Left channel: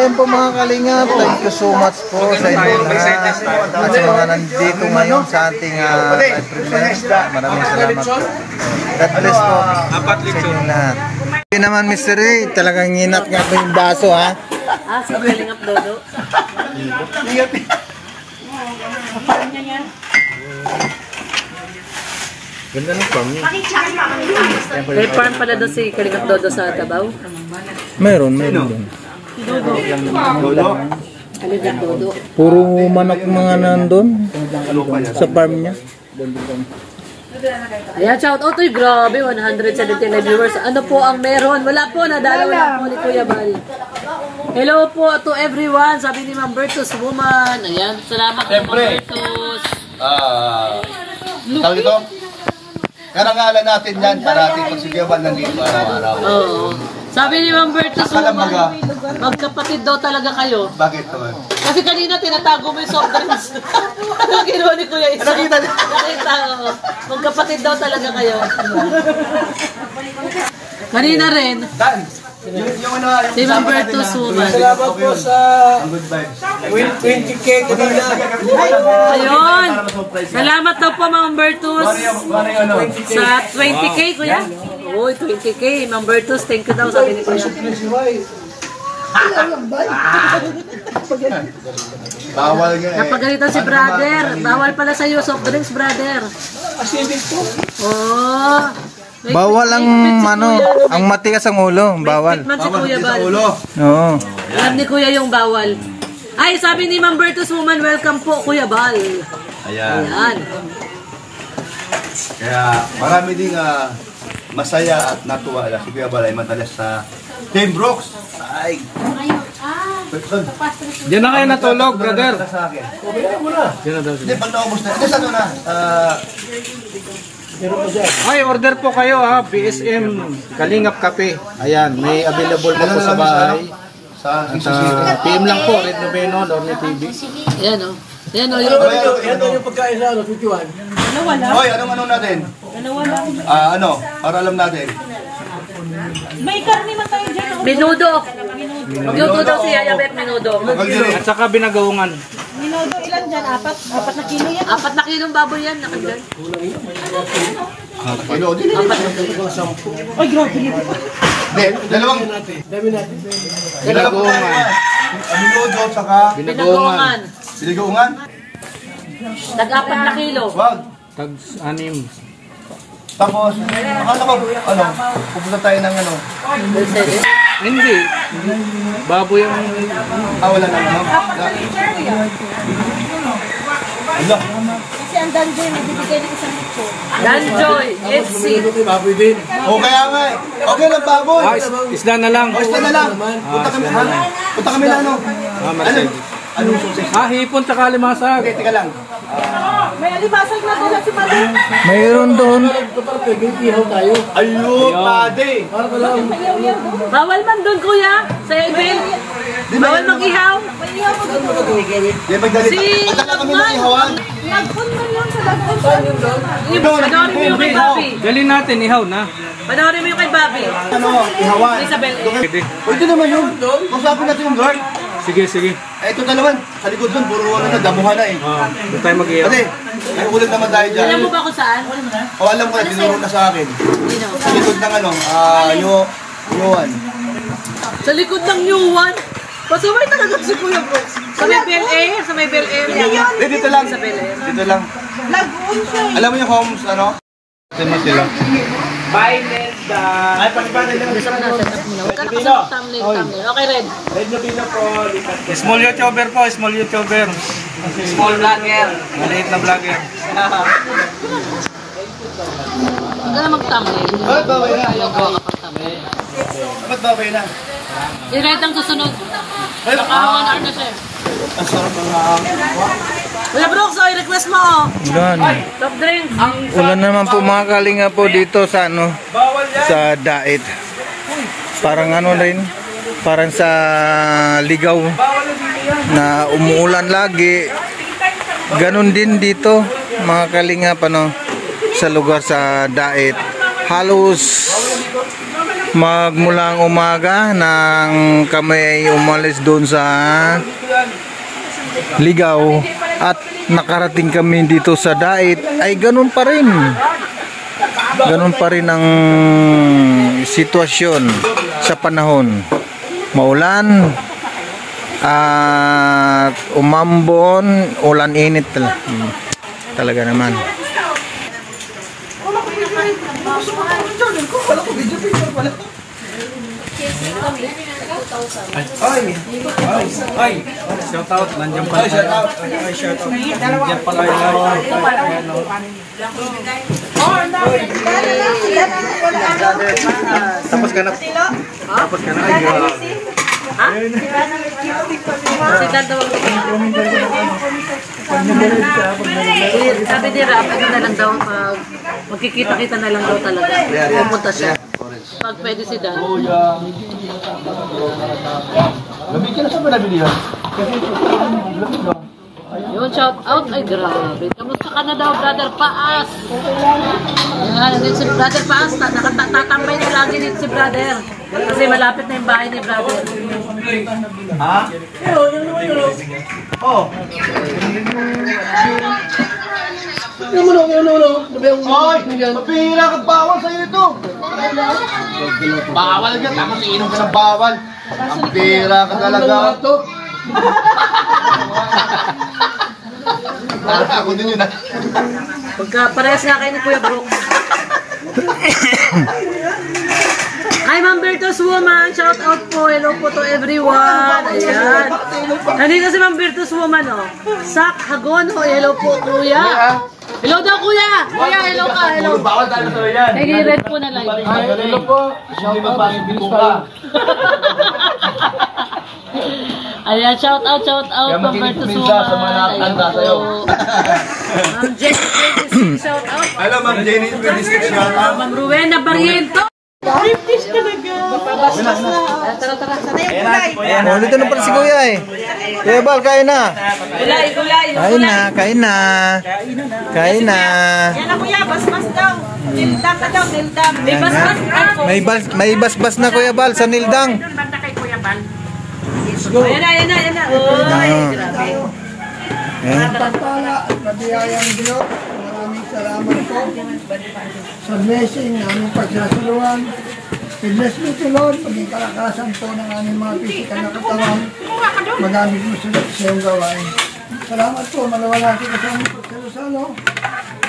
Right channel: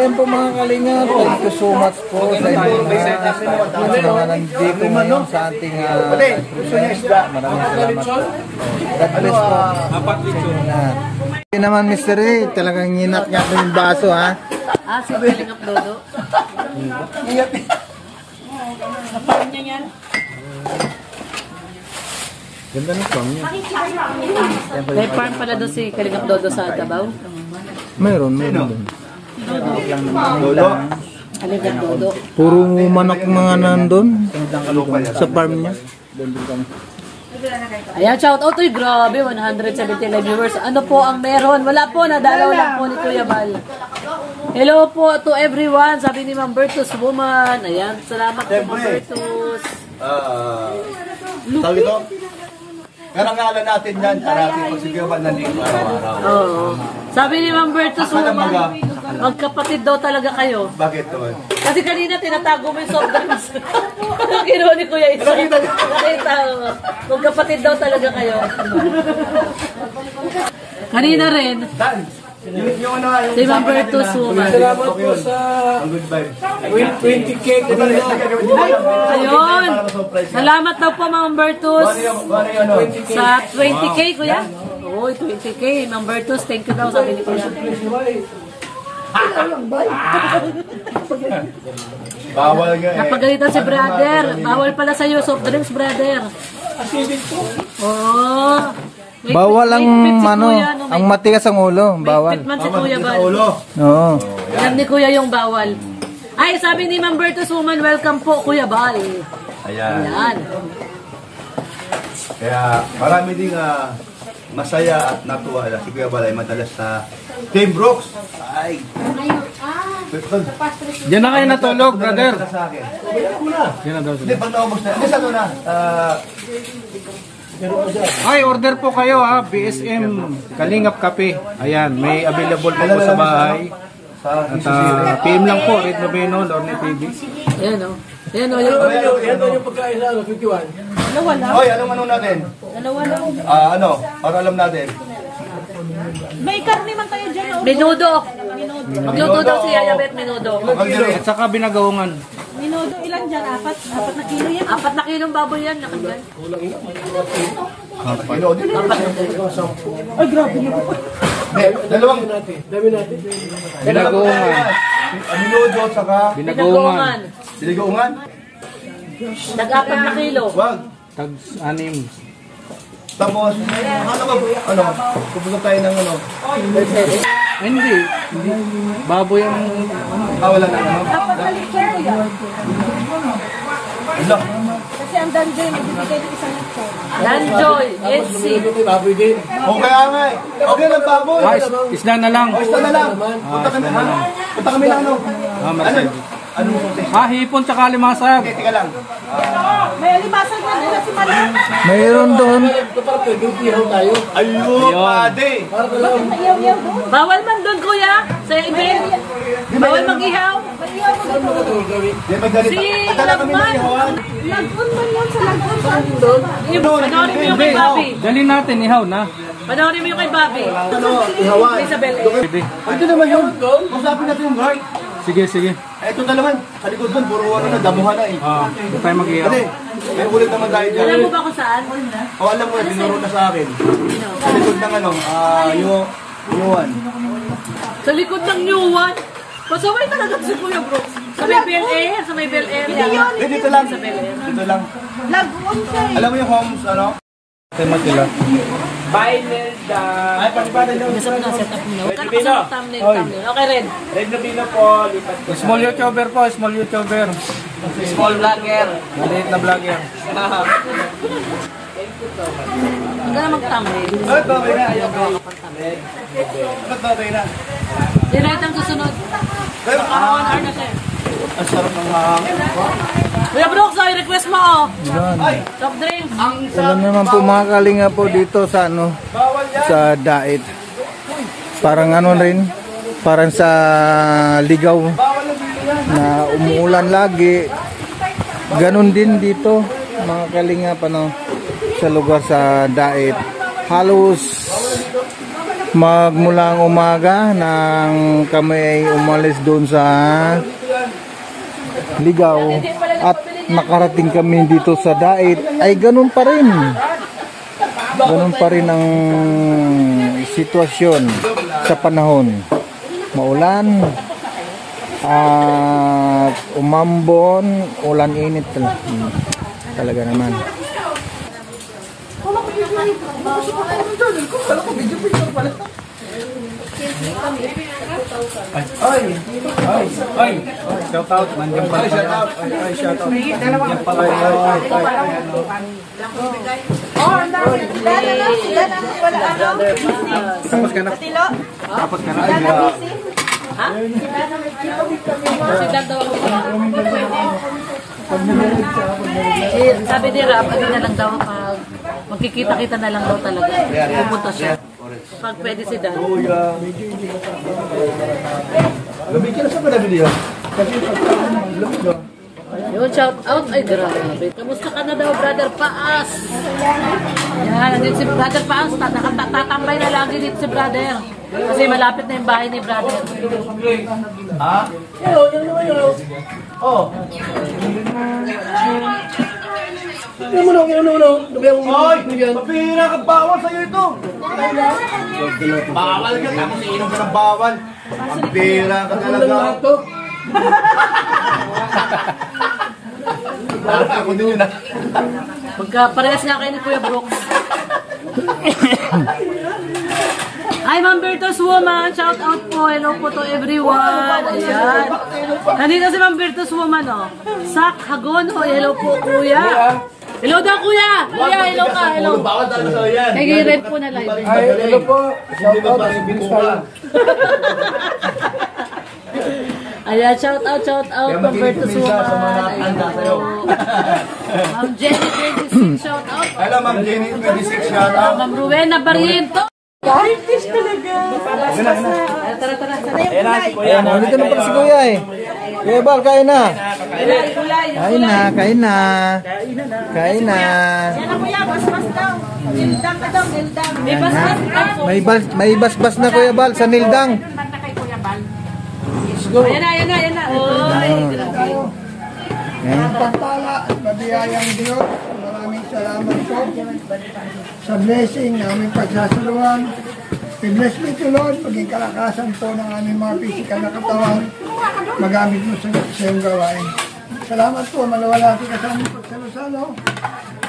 ayan po mga kalingap. Thank you so much po sa inyo lahat. At sa mga nandito ngayon sa ating live premiere. Maraming salamat po. God bless po sa inyo lahat. Hindi naman Mr. Ray, talagang nginat nga po yung baso ha. Sa kalingap dodo. Kapal niya yan. Ganda ng song niya. May farm pala doon si kalingap dodo sa Tabaw. Meron doon. Dodo. Dodo. Puro manok mga nandun sa farm niya. Ayan, shout out to you. Grabe, 179 viewers. Ano po ang meron? Wala po, nadalaw lang po ni Kuya Bal. Hello po to everyone. Sabi ni Ma'am Bertus Woman. Ayan, salamat po Ma'am Bertus. Tawag ito? Karangalan natin yan para ating pagsigawan nandito araw-araw. Oo. Sabi ni Ma'am Bertus Woman, magkapatid daw talaga kayo. Bakit to? Kasi kanina tinatago mo yung soft drinks. Kinuha ni Kuya Isa. Nakita niyo? Nakita, magkapatid daw talaga kayo. Kanina rin. Yung ano, Si Ma'am Bertus Woman. Salamat po sa good vibes. 20K kanina. Ayun. Salamat daw po Ma'am Bertus. Sa 20K Kuya. Uy, 20K. Ma'am Bertus, thank you daw sabi ni Kuya. Bawal nga eh. Napagalitan si brother. Bawal pala sa iyo soft drinks, brother. Oo. Bawal ang ang matigas ang ulo, bawal. Man si Kuya Bal. Oo. Alam ni Kuya yung bawal. Ay, sabi ni Ma'am Bertus Woman, welcome po Kuya Bal. Ayan. Ayan. Kaya marami ding masaya at natuwa si Kuya Balay madalas sa Team Brooks. Ay. Diyan na kayo natulog, brother. Diyan na daw. Hindi, pag naubos na. Ano na? Ay, order po kayo ha. BSM Kalingap Kape. Ayan, may available po sa bahay. Sa PM lang po, Red Noveno, Lorne TV. Ayan o. Ayan o. Ano yung pagkain na, 51? Dalawa lang. Hoy, ano natin? Dalawa lang. Para alam natin. May karne man tayo dyan o. Minudo. Minudo daw si Yayabet, minudo. At saka binagaungan. Minudo ilan dyan? Apat na kilo yan. 4 na kilong baboy yan. Nakagyan. Ay, grabe nito. Dalawang. Binagaungan. Minudo, tsaka Binagaungan. siligaungan. Tag-4 na kilo. Wag. Tag-6. Tapos, akala ko, pupunta tayo ng Mercedes. Hindi. Baboy ang... wala na, Wala. Kasi ang Danjoy, magbibigay ng isang ito. Danjoy, FC. Baboy din. Kaya nga eh. Okay lang, baboy. Isda na lang. Basta na lang. Punta kami na Hipon tsaka limasag. Okay, tika lang. May alibasag na doon si Pati. Mayroon doon. Ayun, pade. Bawal man doon, kuya. Sa event. Bawal mag-ihaw. Pagdala kami ng ihawan. Lagpon man yun sa lagpon. Saan yun doon? Panoorin mo yung kay Bobby. Dalhin natin, ihaw na. Panoorin mo yung kay Bobby. Ihawan. Isabel. Pwede naman yun. Masapin natin yung guard. Sige. Ito dalawan. Sa likod doon, puro damuhan na eh. Huwag tayo mag-ihaw. Pwede. May ulit naman tayo dyan. Alam mo ba kung saan? Alam ko na, tinuro na sa akin. Sa likod ng Yuan. Sa likod ng New One? Pasaway talaga si Kuya Bro. Sa may Bel Air? Sa may Bel Air? Dito lang. Sa Bel Air. Dito lang. Alam mo yung homes, Sino sila? Nasa na set up nyo. Kano sa thumbnail. Okay, Red. Small YouTuber po, small YouTuber. Small vlogger. Maliit na vlogger. Ang gana mag-thumbnail. Ba't babay na? Gawa ka pang thumbnail. Ba't babay na? Si Red ang susunod. Baka 1 hour na siya. Ang sarap ng hangin. Kuya Brooks, request mo oh. Ulan. Soft drink. Ulan naman po mga kalinga po dito sa sa Dait. Parang rin, parang sa Ligaw na umuulan lagi. Ganon din dito mga kalinga sa lugar sa Dait. Halos magmulang umaga nang kami ay umalis doon sa Ligaw at nakarating kami dito sa Dait, ay ganun pa rin. Ganun pa rin ang sitwasyon sa panahon. Maulan at umambon, ulan init talaga naman. Shout out, nandiyan pala. Nandiyan pala yun. Tapos ka na. Tapos ka na. Sabi ni Rap, ano na lang daw, magkikita-kita na lang daw talaga. Pupunta siya. Pag pwede si Dan. Labig ka na sa panabili yun. Yun, shout out. Ay, grabe. Kamusta ka na daw, Brother Paas? Yan, nandito si Brother Paas. Tatambay na lagi dito si Brother. Kasi malapit na yung bahay ni Brother. Ha? Oh. Hoy, mapihira ka, bawal sa'yo ito. Bawal ka, tapos iinom ka ng bawal. Ang pira ka talaga. Parang ako din yun, ha? Parehas nga kayo ni Kuya Brooks. Hi, Ma'am Virtus Woman. Shout out po. Hello po to everyone. Ayan. Nandito si Ma'am Virtus Woman, oh. Sak Hagon. Oh, hello po, Kuya. Hello daw, Kuya. Kuya, hello ka. Hello. Bawal tayo sa yan. Nag-i-red po na live. Hello po. Shout out. Ayan, shout out, Ma'am Virtus Woman. Sa mga nakakanda sa'yo. Ma'am Jenny 26, shout out. Hello, Ma'am Jenny 26. Shout out. Ma'am Rowena Barriento. British talaga. Tara. Oh, dito na pala si Kuya eh. Kuya Bal, kain na. Gulay. Kain na. Yan na kuya, basbas daw. Nildang na daw, nildang. May basbas na Kuya Bal sa Nildang. Ayan na. Oy, grabe. Pagpala at mabiyayang Diyos, maraming salamat po sa blessing na aming pagsasaluhan. I-bless mo ito, Lord, maging kalakasan po ng aming mga physical na katawan, magamit mo sa iyong gawain. Salamat po, malawalati ka sa aming pagsalusalo.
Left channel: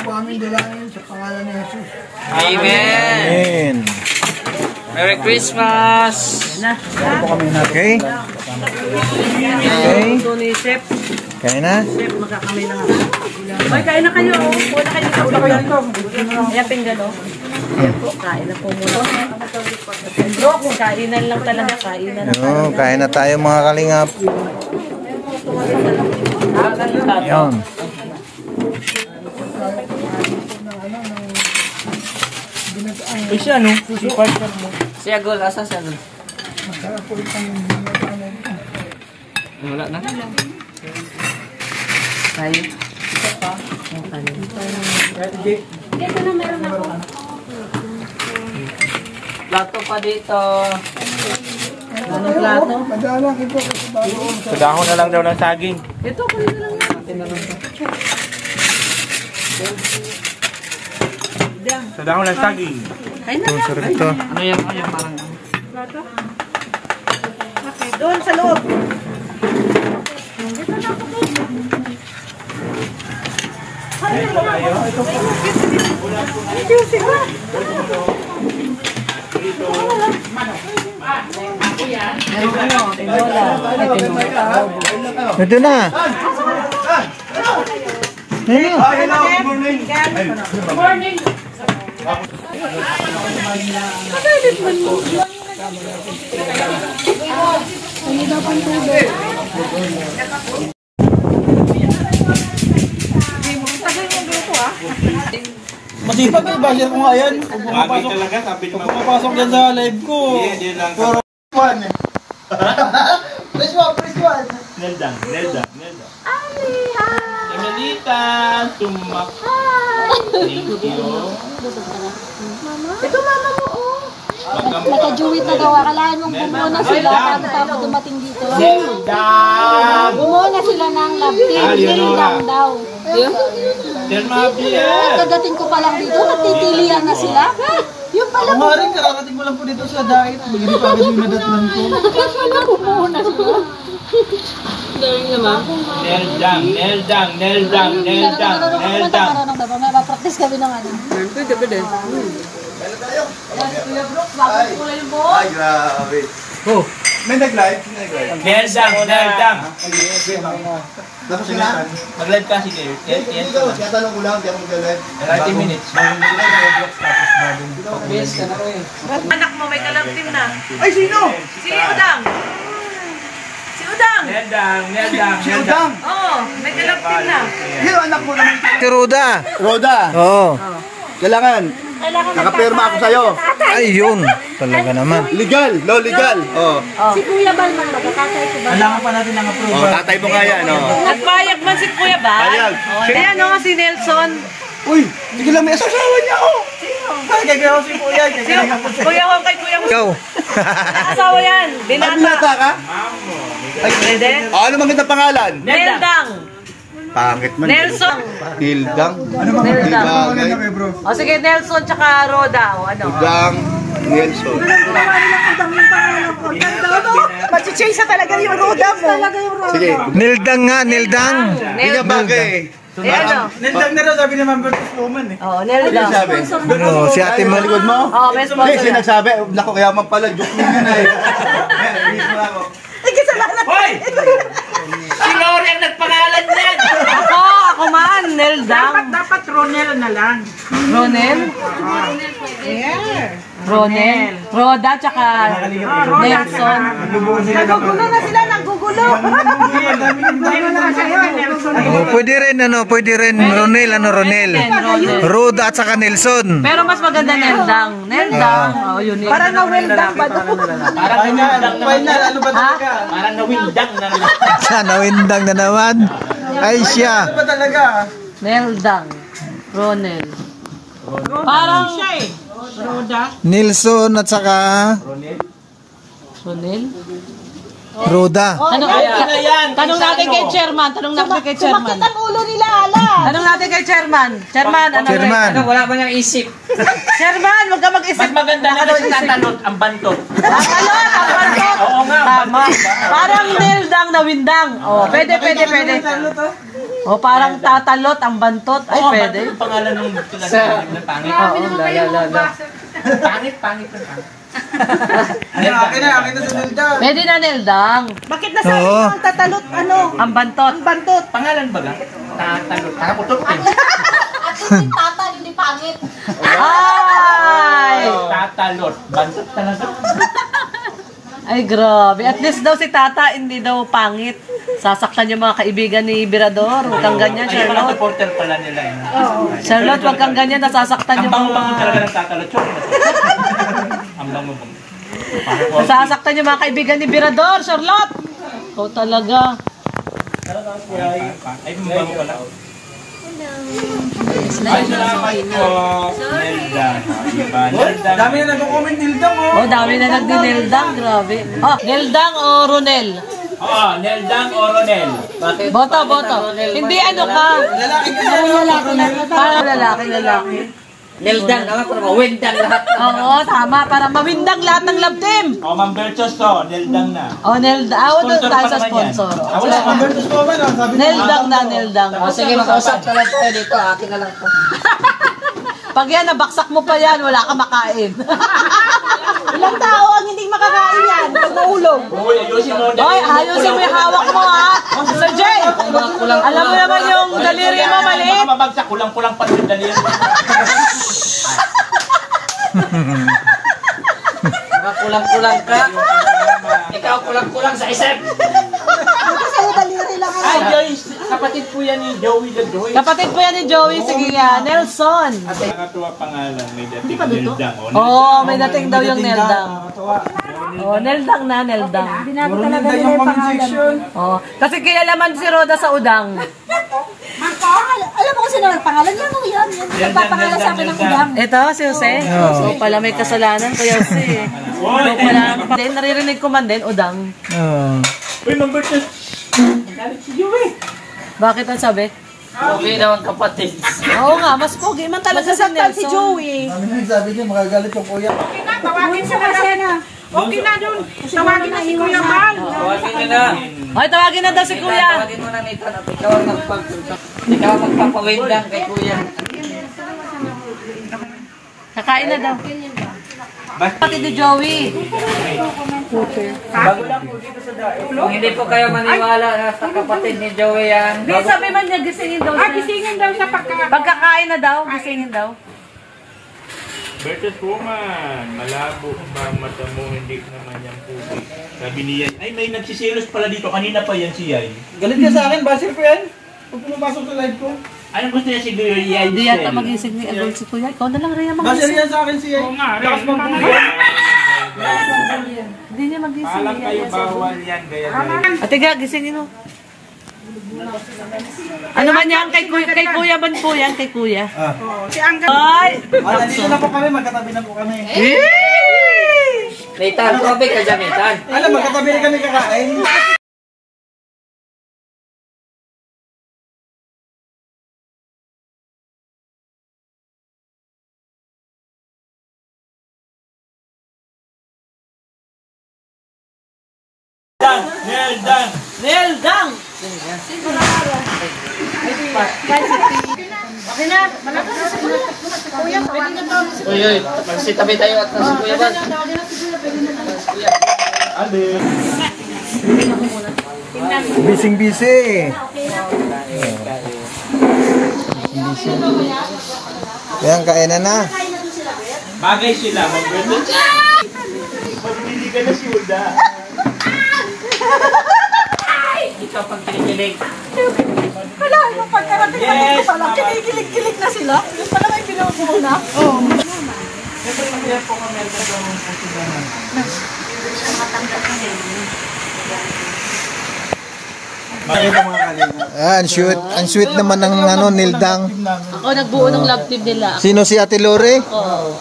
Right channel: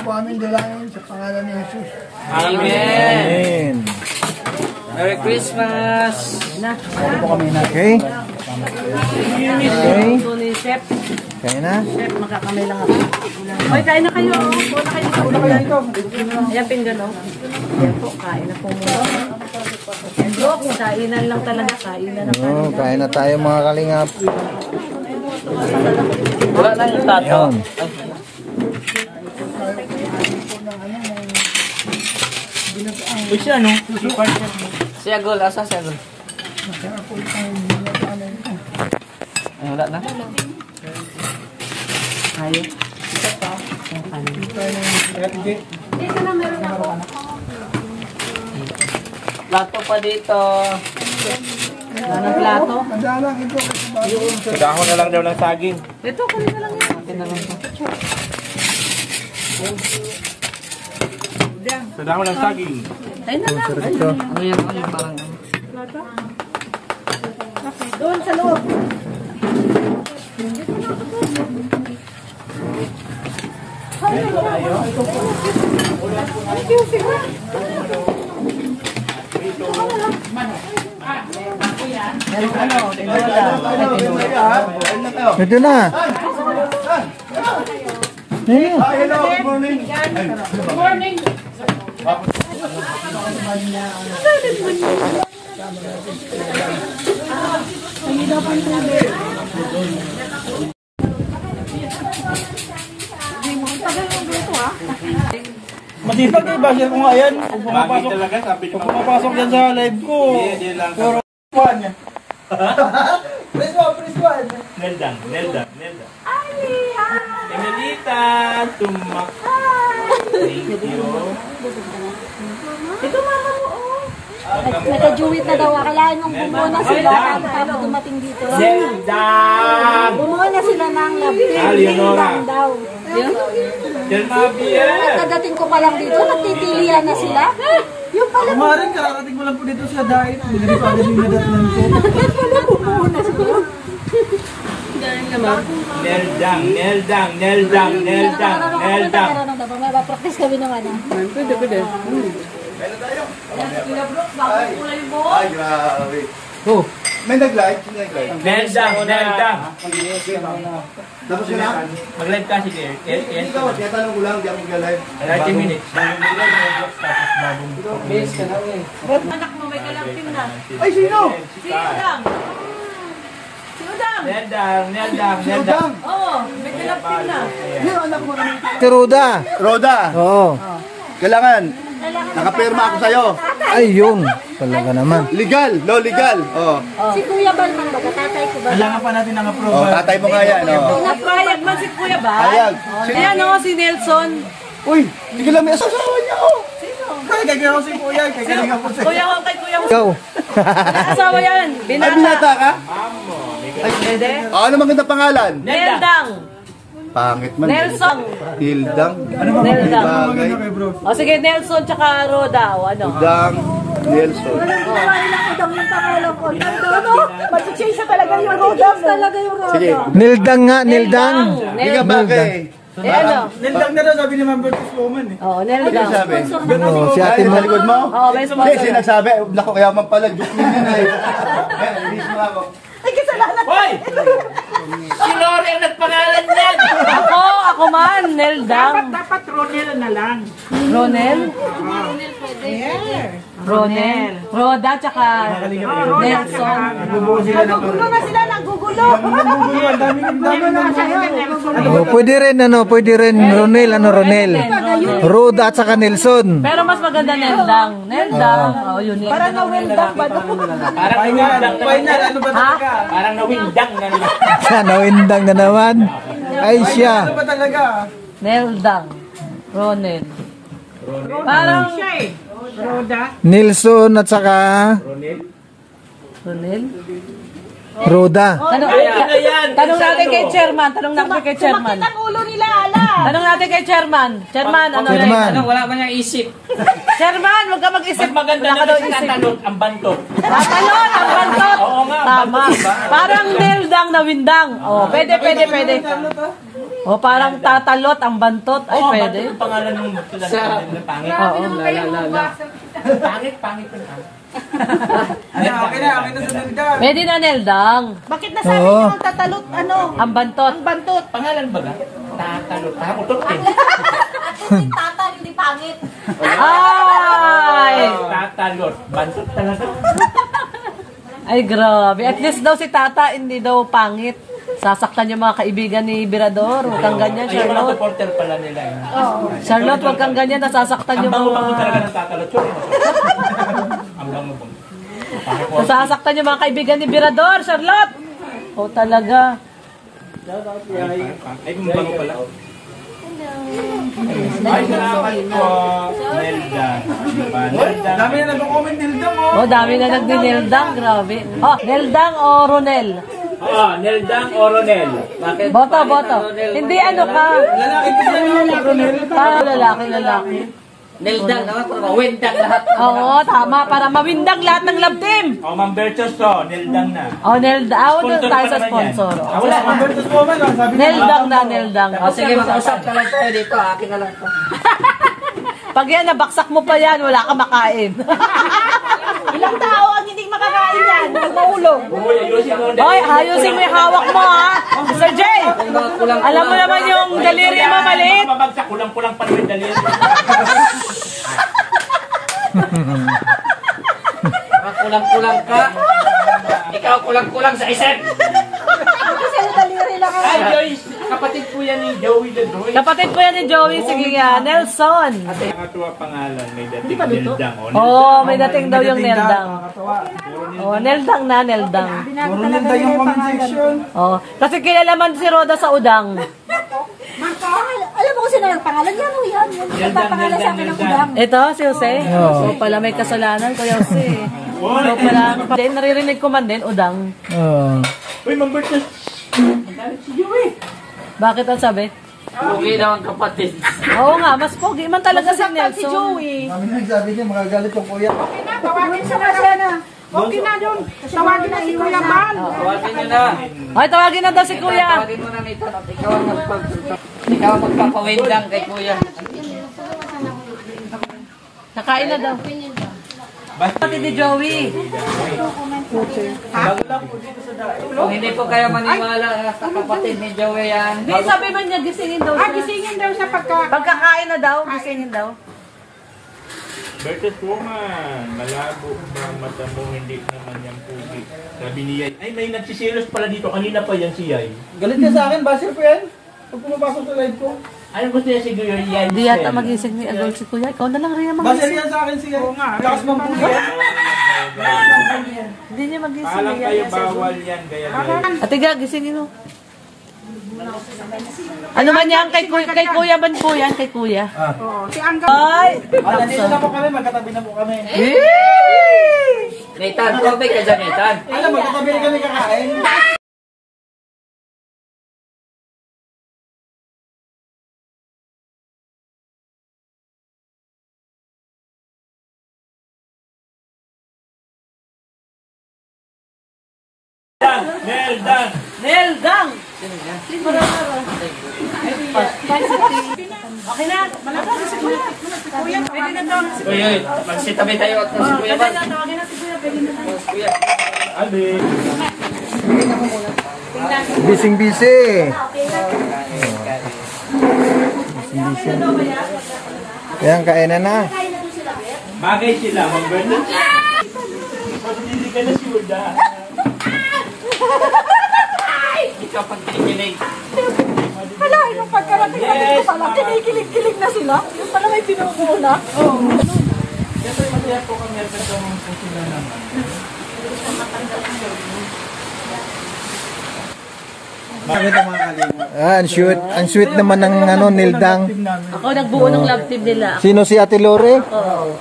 Po aming dalangin sa pangalan ni Jesus. Amen. Merry Christmas! Okay. Ito ni Chef. Kain na. Chef, magkakamay lang ako. Ay, kain na kayo. Wala kayo sa ulam. Ayan, pinggan, oh. Ayan po, kain na po muna. Brooks, kainan lang talaga. Kainan na talaga. Kain na tayo mga kalingap. Yan. Si Agol, asa si Agol? Wala na? Kayo. Plato pa dito. Anong plato? Madalang ito kasi bago. Dahon na lang daw ng saging. Ito, kunin na lang yan. Akin na lang to. Dahon ng saging. Kain na lang. Sarap ito. Ano yung parang... Doon sa loob. Ito na. Masipag eh, basher ko nga yan. Kung pumapasok yan sa live ko. Puro fan. Press one. Nelda. Tingalita, tumak. Thank you. Ito mama mo, oh. naka-juwit na daw. Akalain mong bumuo na sila bago dumating dito. Bumuo na sila ng love team. Nildang daw. Kadating ko pa lang dito, nagtitilian na sila. Yung pala Maring kararating mo lang po dito sa diet. Magiging pa agad yung nadatnan ko. bumuo na sila. Galing naman. Neldang. Practice kami ng ano. Pwede. Ay, grabe. Oh. May nag-live? Neldang. Tapos na? Mag-live ka sige. Hindi ko, tinatanong ko lang, di ako mag-live. 30 minutes. Anak mo may kalabtim na. Ay, sino? Si Udang. Si Udang. Si Udang. Oo, may kalabtim na. Yung anak mo naman. Si Roda. Roda, Oo. kailangan. Nakapirma ako sa'yo. Ay, yun. Talaga naman. Legal, no, legal. Oh. Si Kuya Bal man, magkakatay ko ba? Kailangan pa natin ng Oh, approval. tatay mo kaya, no? Nagpayag man si Kuya Bal. Ayan. Ayan o si Nelson. Uy, hindi ko lang may asawa niya, oh. Kaya ko si Kuya, kaya ko si Kuya Juan kay Kuya Juan. Ikaw. Asawa yan. Ay, binata ka? Pwede? Ano mang kita pangalan? Neldang. Pangit man. Nelson. Hildang. Neldang. Bagay. O sige, Nelson tsaka Roda. O ano? Hildang. Nelson. Mag-change na talaga yung Roda mo. Sige. Nildang nga, Nildang. Hindi ka bagay. Eh ano? Nildang na raw sabi ni Ma'am Bertus Woman eh. Oo, Ano Neldang. sabi? Oo, si ate mo. Sa likod mo? Oo, may Hindi, sponsor. sinagsabi. Naku, kaya man pala. Joke lang yun eh. Ayan, release mo na ako. Hoy! Si Lori ang nagpangalan niyan. Ako man, Neldang. Dapat Ronel na lang. Ronel? Ronel. Roda tsaka Nelson. Nagugulo na sila, nagugulo. Pwede rin, Ronel, Ronel. Roda at saka Nelson. Pero mas maganda Neldang. Neldang. Oh, yun yun. Parang na-Neldang ba ito? Final, ano ba talaga? Parang nawindang na naman. Siya, nawindang na naman. Ay, siya. Ano ba talaga? Neldang. Ronel. Parang Nelson at saka Ronel? Roda. Tanong natin kay Chairman. Tanong natin kay Chairman. Ang ulo nila, ala. Tanong natin kay Chairman. Chairman, ano Chairman. Wala ba niyang isip? Chairman, huwag ka mag-isip. Mas maganda naman si tatanot ang bantot. Tatalot, ang bantot. Oo nga, ang bantot. Parang Neldang na windang. Oh, pwede. Oh, parang tatalot ang bantot. Ay, Oo, pwede. bantot ang pangalan ng pangit. Pangit. Akin na sa Nildang. Pwede na Neldang. Bakit nasabi Oo. ng tatalot, ano? Ang bantot. Bantot. Pangalan ba ga? Tatanot. Takutot eh. Tata, hindi pangit. Ay! Tatalot. Bantot talaga. Ay, grabe. At least daw si Tata, hindi daw pangit. Sasaktan yung mga kaibigan ni Birador. Huwag kang ganyan, Ay, mga Charlotte. supporter pala nila. Charlotte, huwag kang ganyan. Nasasaktan Ang yung mga... bango-bango talaga ng tatalot. Ang bango-bango. Nasasaktan yung mga kaibigan ni Birador, Charlotte. Oh, talaga. Ay, bango pala. Ay, salamat po. Neldang. Dami na nag-comment Nildang oh. Oh, dami na nagdi-Neldang. Grabe. Oh, Neldang o Ronel? Oo, Neldang o Ronel. Boto. Hindi ano ka. Lalaki kasi Para lalaki. Neldang, windang lahat. Oo, tama. Para mawindang lahat ng love team. O, Ma'am Berchos to, Neldang na. Oh, Neldang. Awan doon Sponsor tayo pa sa naman yan. sponsor. Wala. Ma'am Bertus Woman oh, sabi niya. Neldang. O, sige, mag-usap ka lang tayo dito. Akin na lang to. Pag yan, nabaksak mo pa yan, wala ka makain. Ilang tao ang hindi makakain yan. Nag-uulog. Uy, ayusin mo. Hoy, ayusin mo yung hawak mo ha. Sir Jay, alam mo naman yung daliri mo maliit. Baka mabagsak, kulang-kulang pa rin daliri. Kulang-kulang ka. Ikaw kulang-kulang sa isip. Kasi daliri lang. Ay, Joyce, kapatid po yan ni Joey Ledroy. Kapatid po yan ni Joey. Sige yan, Nelson. Nakatuwa pangalan, may dating Neldang. Oh, may dating daw yung Neldang. Nakakatawa. Oh, Neldang na, Neldang. Binago Puro talaga Nildang nila yung yung comment pangalan. section. Oh, kasi kilala man si Roda sa udang. Alam mo kung sino na pangalan yan o yan. Yung nagpapangalan sa akin ng udang. Ito, si Jose. Oo. So, pala may kasalanan ko Jose. Hindi, naririnig ko man din, udang. Oo. Uy, mag-birthday. Magalit si Joey. Bakit ang sabi? Okay naman kapatid. Oo nga, mas pogi man talaga si Masasaktan si Nelson. Joey. Kami na sabi niya, magagalit yung kuya. Tawagin sa kasena. Okay na doon. Tawagin na si Kuya Mal. Tawagin mo na. Ay, tawagin na daw si Kuya. Tawagin mo na Nathan at ikaw ang magpapawindang kay Kuya. Kakain na daw. Pati ni Joey. Bago lang po dito sa dahil. Kung hindi po kayo maniwala sa kapatid ni Joey yan. Hindi, sabi man niya, gisingin daw siya. Gisingin daw sa Pagkakain na daw, gisingin daw. Birthday woman, malabo ba ang mata mo, hindi naman yung pugi. Sabi ni Yay, ay may nagsisilos pala dito, kanina pa yan si Yay. Galit ka sa akin, basil ko yan. Pag pumapasok sa live ko. Anong gusto niya siguro yung Yay? Hindi yata magising ni Agol si Kuya. Ikaw na lang rin Basil magising. yan sa akin siya. Lakas mang pugi. Hindi niya magising. Alam kayo bawal yan, gaya gaya. Ate ga, gisingin mo. Ano man yan? Kay Kuya man po yan, kay Kuya. Ay! Nandito na po kami, magkatabi na po kami. Nathan, tubig ka dyan Nathan. Alam, magkatabi na kami kakain. Dan! Nel, Dan! Nel, gang! Okay na. Kuya, magsitabi tayo at si Kuya Bal. Kuya. Adi! Bising-bisi. Yan, kainan na. Bagay sila, mag-birthday. Pagpili ka na si Uda. Ikaw pag kinikilig. Wala, yung pagkarating na dito pala, kinikilig-kilig na sila. Yung pala may pinumuna. Bakit ang mga kalinga? Ang sweet naman ng Nildang. Ako nagbuo ng love team nila. Sino si Ate Lore?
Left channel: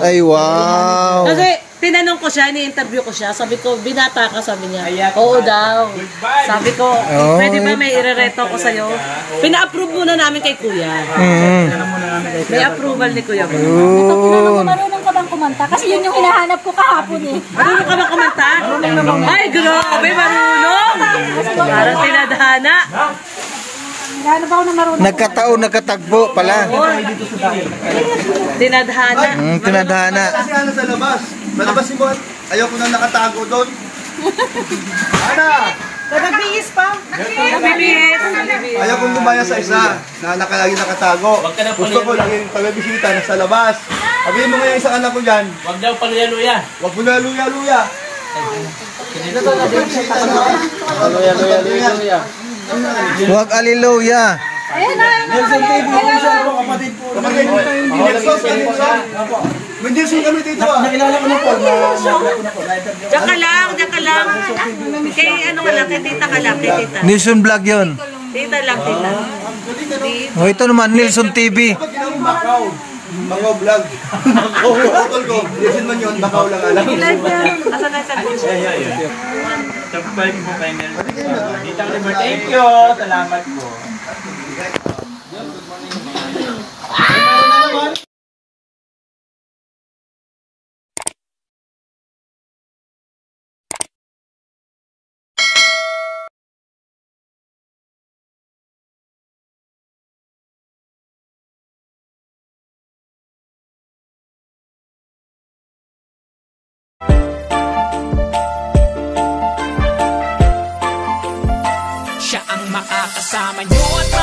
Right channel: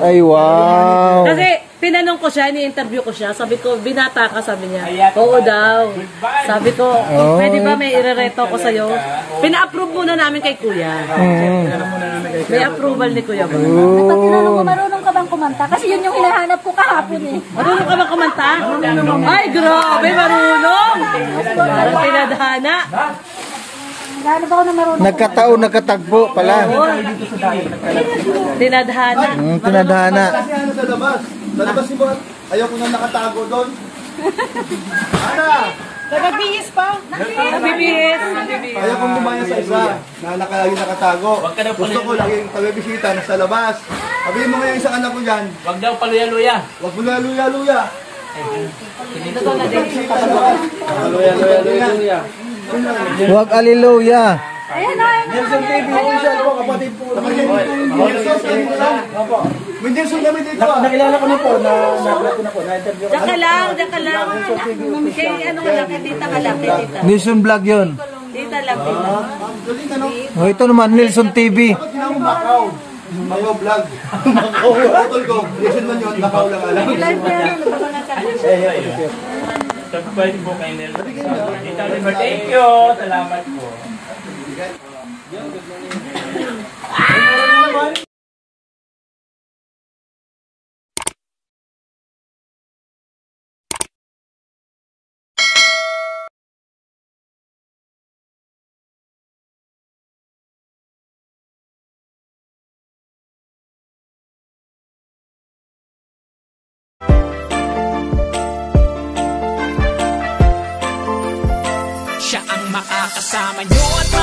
Ay, wow. Kasi tinanong ko siya, ni-interview ko siya. Sabi ko, binata ka, sabi niya. Oo daw. Sabi ko, pwede ba may irereto ko sa'yo? Pina-approve muna namin kay Kuya. May approval ni Kuya. Marunong ka bang kumanta? Kasi yun yung hinahanap ko kahapon eh. Marunong ka ba kumanta? Ay, grabe, marunong! Parang tinadhana. Gaano ba ako na marunong? Nagkataon, nagkatagpo pala. Tinadhana. Tinadhana. Kasi ano sa labas? Malabas si Bon. Ayaw ko na nakatago doon. Ana! Nagbihis pa. Nabibihis. Ayaw kong gumaya sa isa na nakalagi nakatago. Gusto ko yung pagbibisita nasa labas. Sabihin mo ngayon sa anak ko dyan, Wag daw paluya-luya. wag mo na luya-luya. Huwag aliluya. Nelson TV, official po, kapatid po. Nelson, Nelson. May Nelson kami dito ah. Nakilala ko na po, nakilala ko na po. Na-interview Diyan ka lang, diyan ka lang. Kay ano ka lang, kay tita ka lang, kay tita. Nilson Vlog yun. Tita lang, tita. Oh, ito naman, Nilson TV. Ba't ginawang Macau? Macau vlog. Macau. Utol ko. Nelson man yun, Macau lang alam. Tagbay po kay Nelson. Thank you. Salamat po. Siya ang makakasama nyo at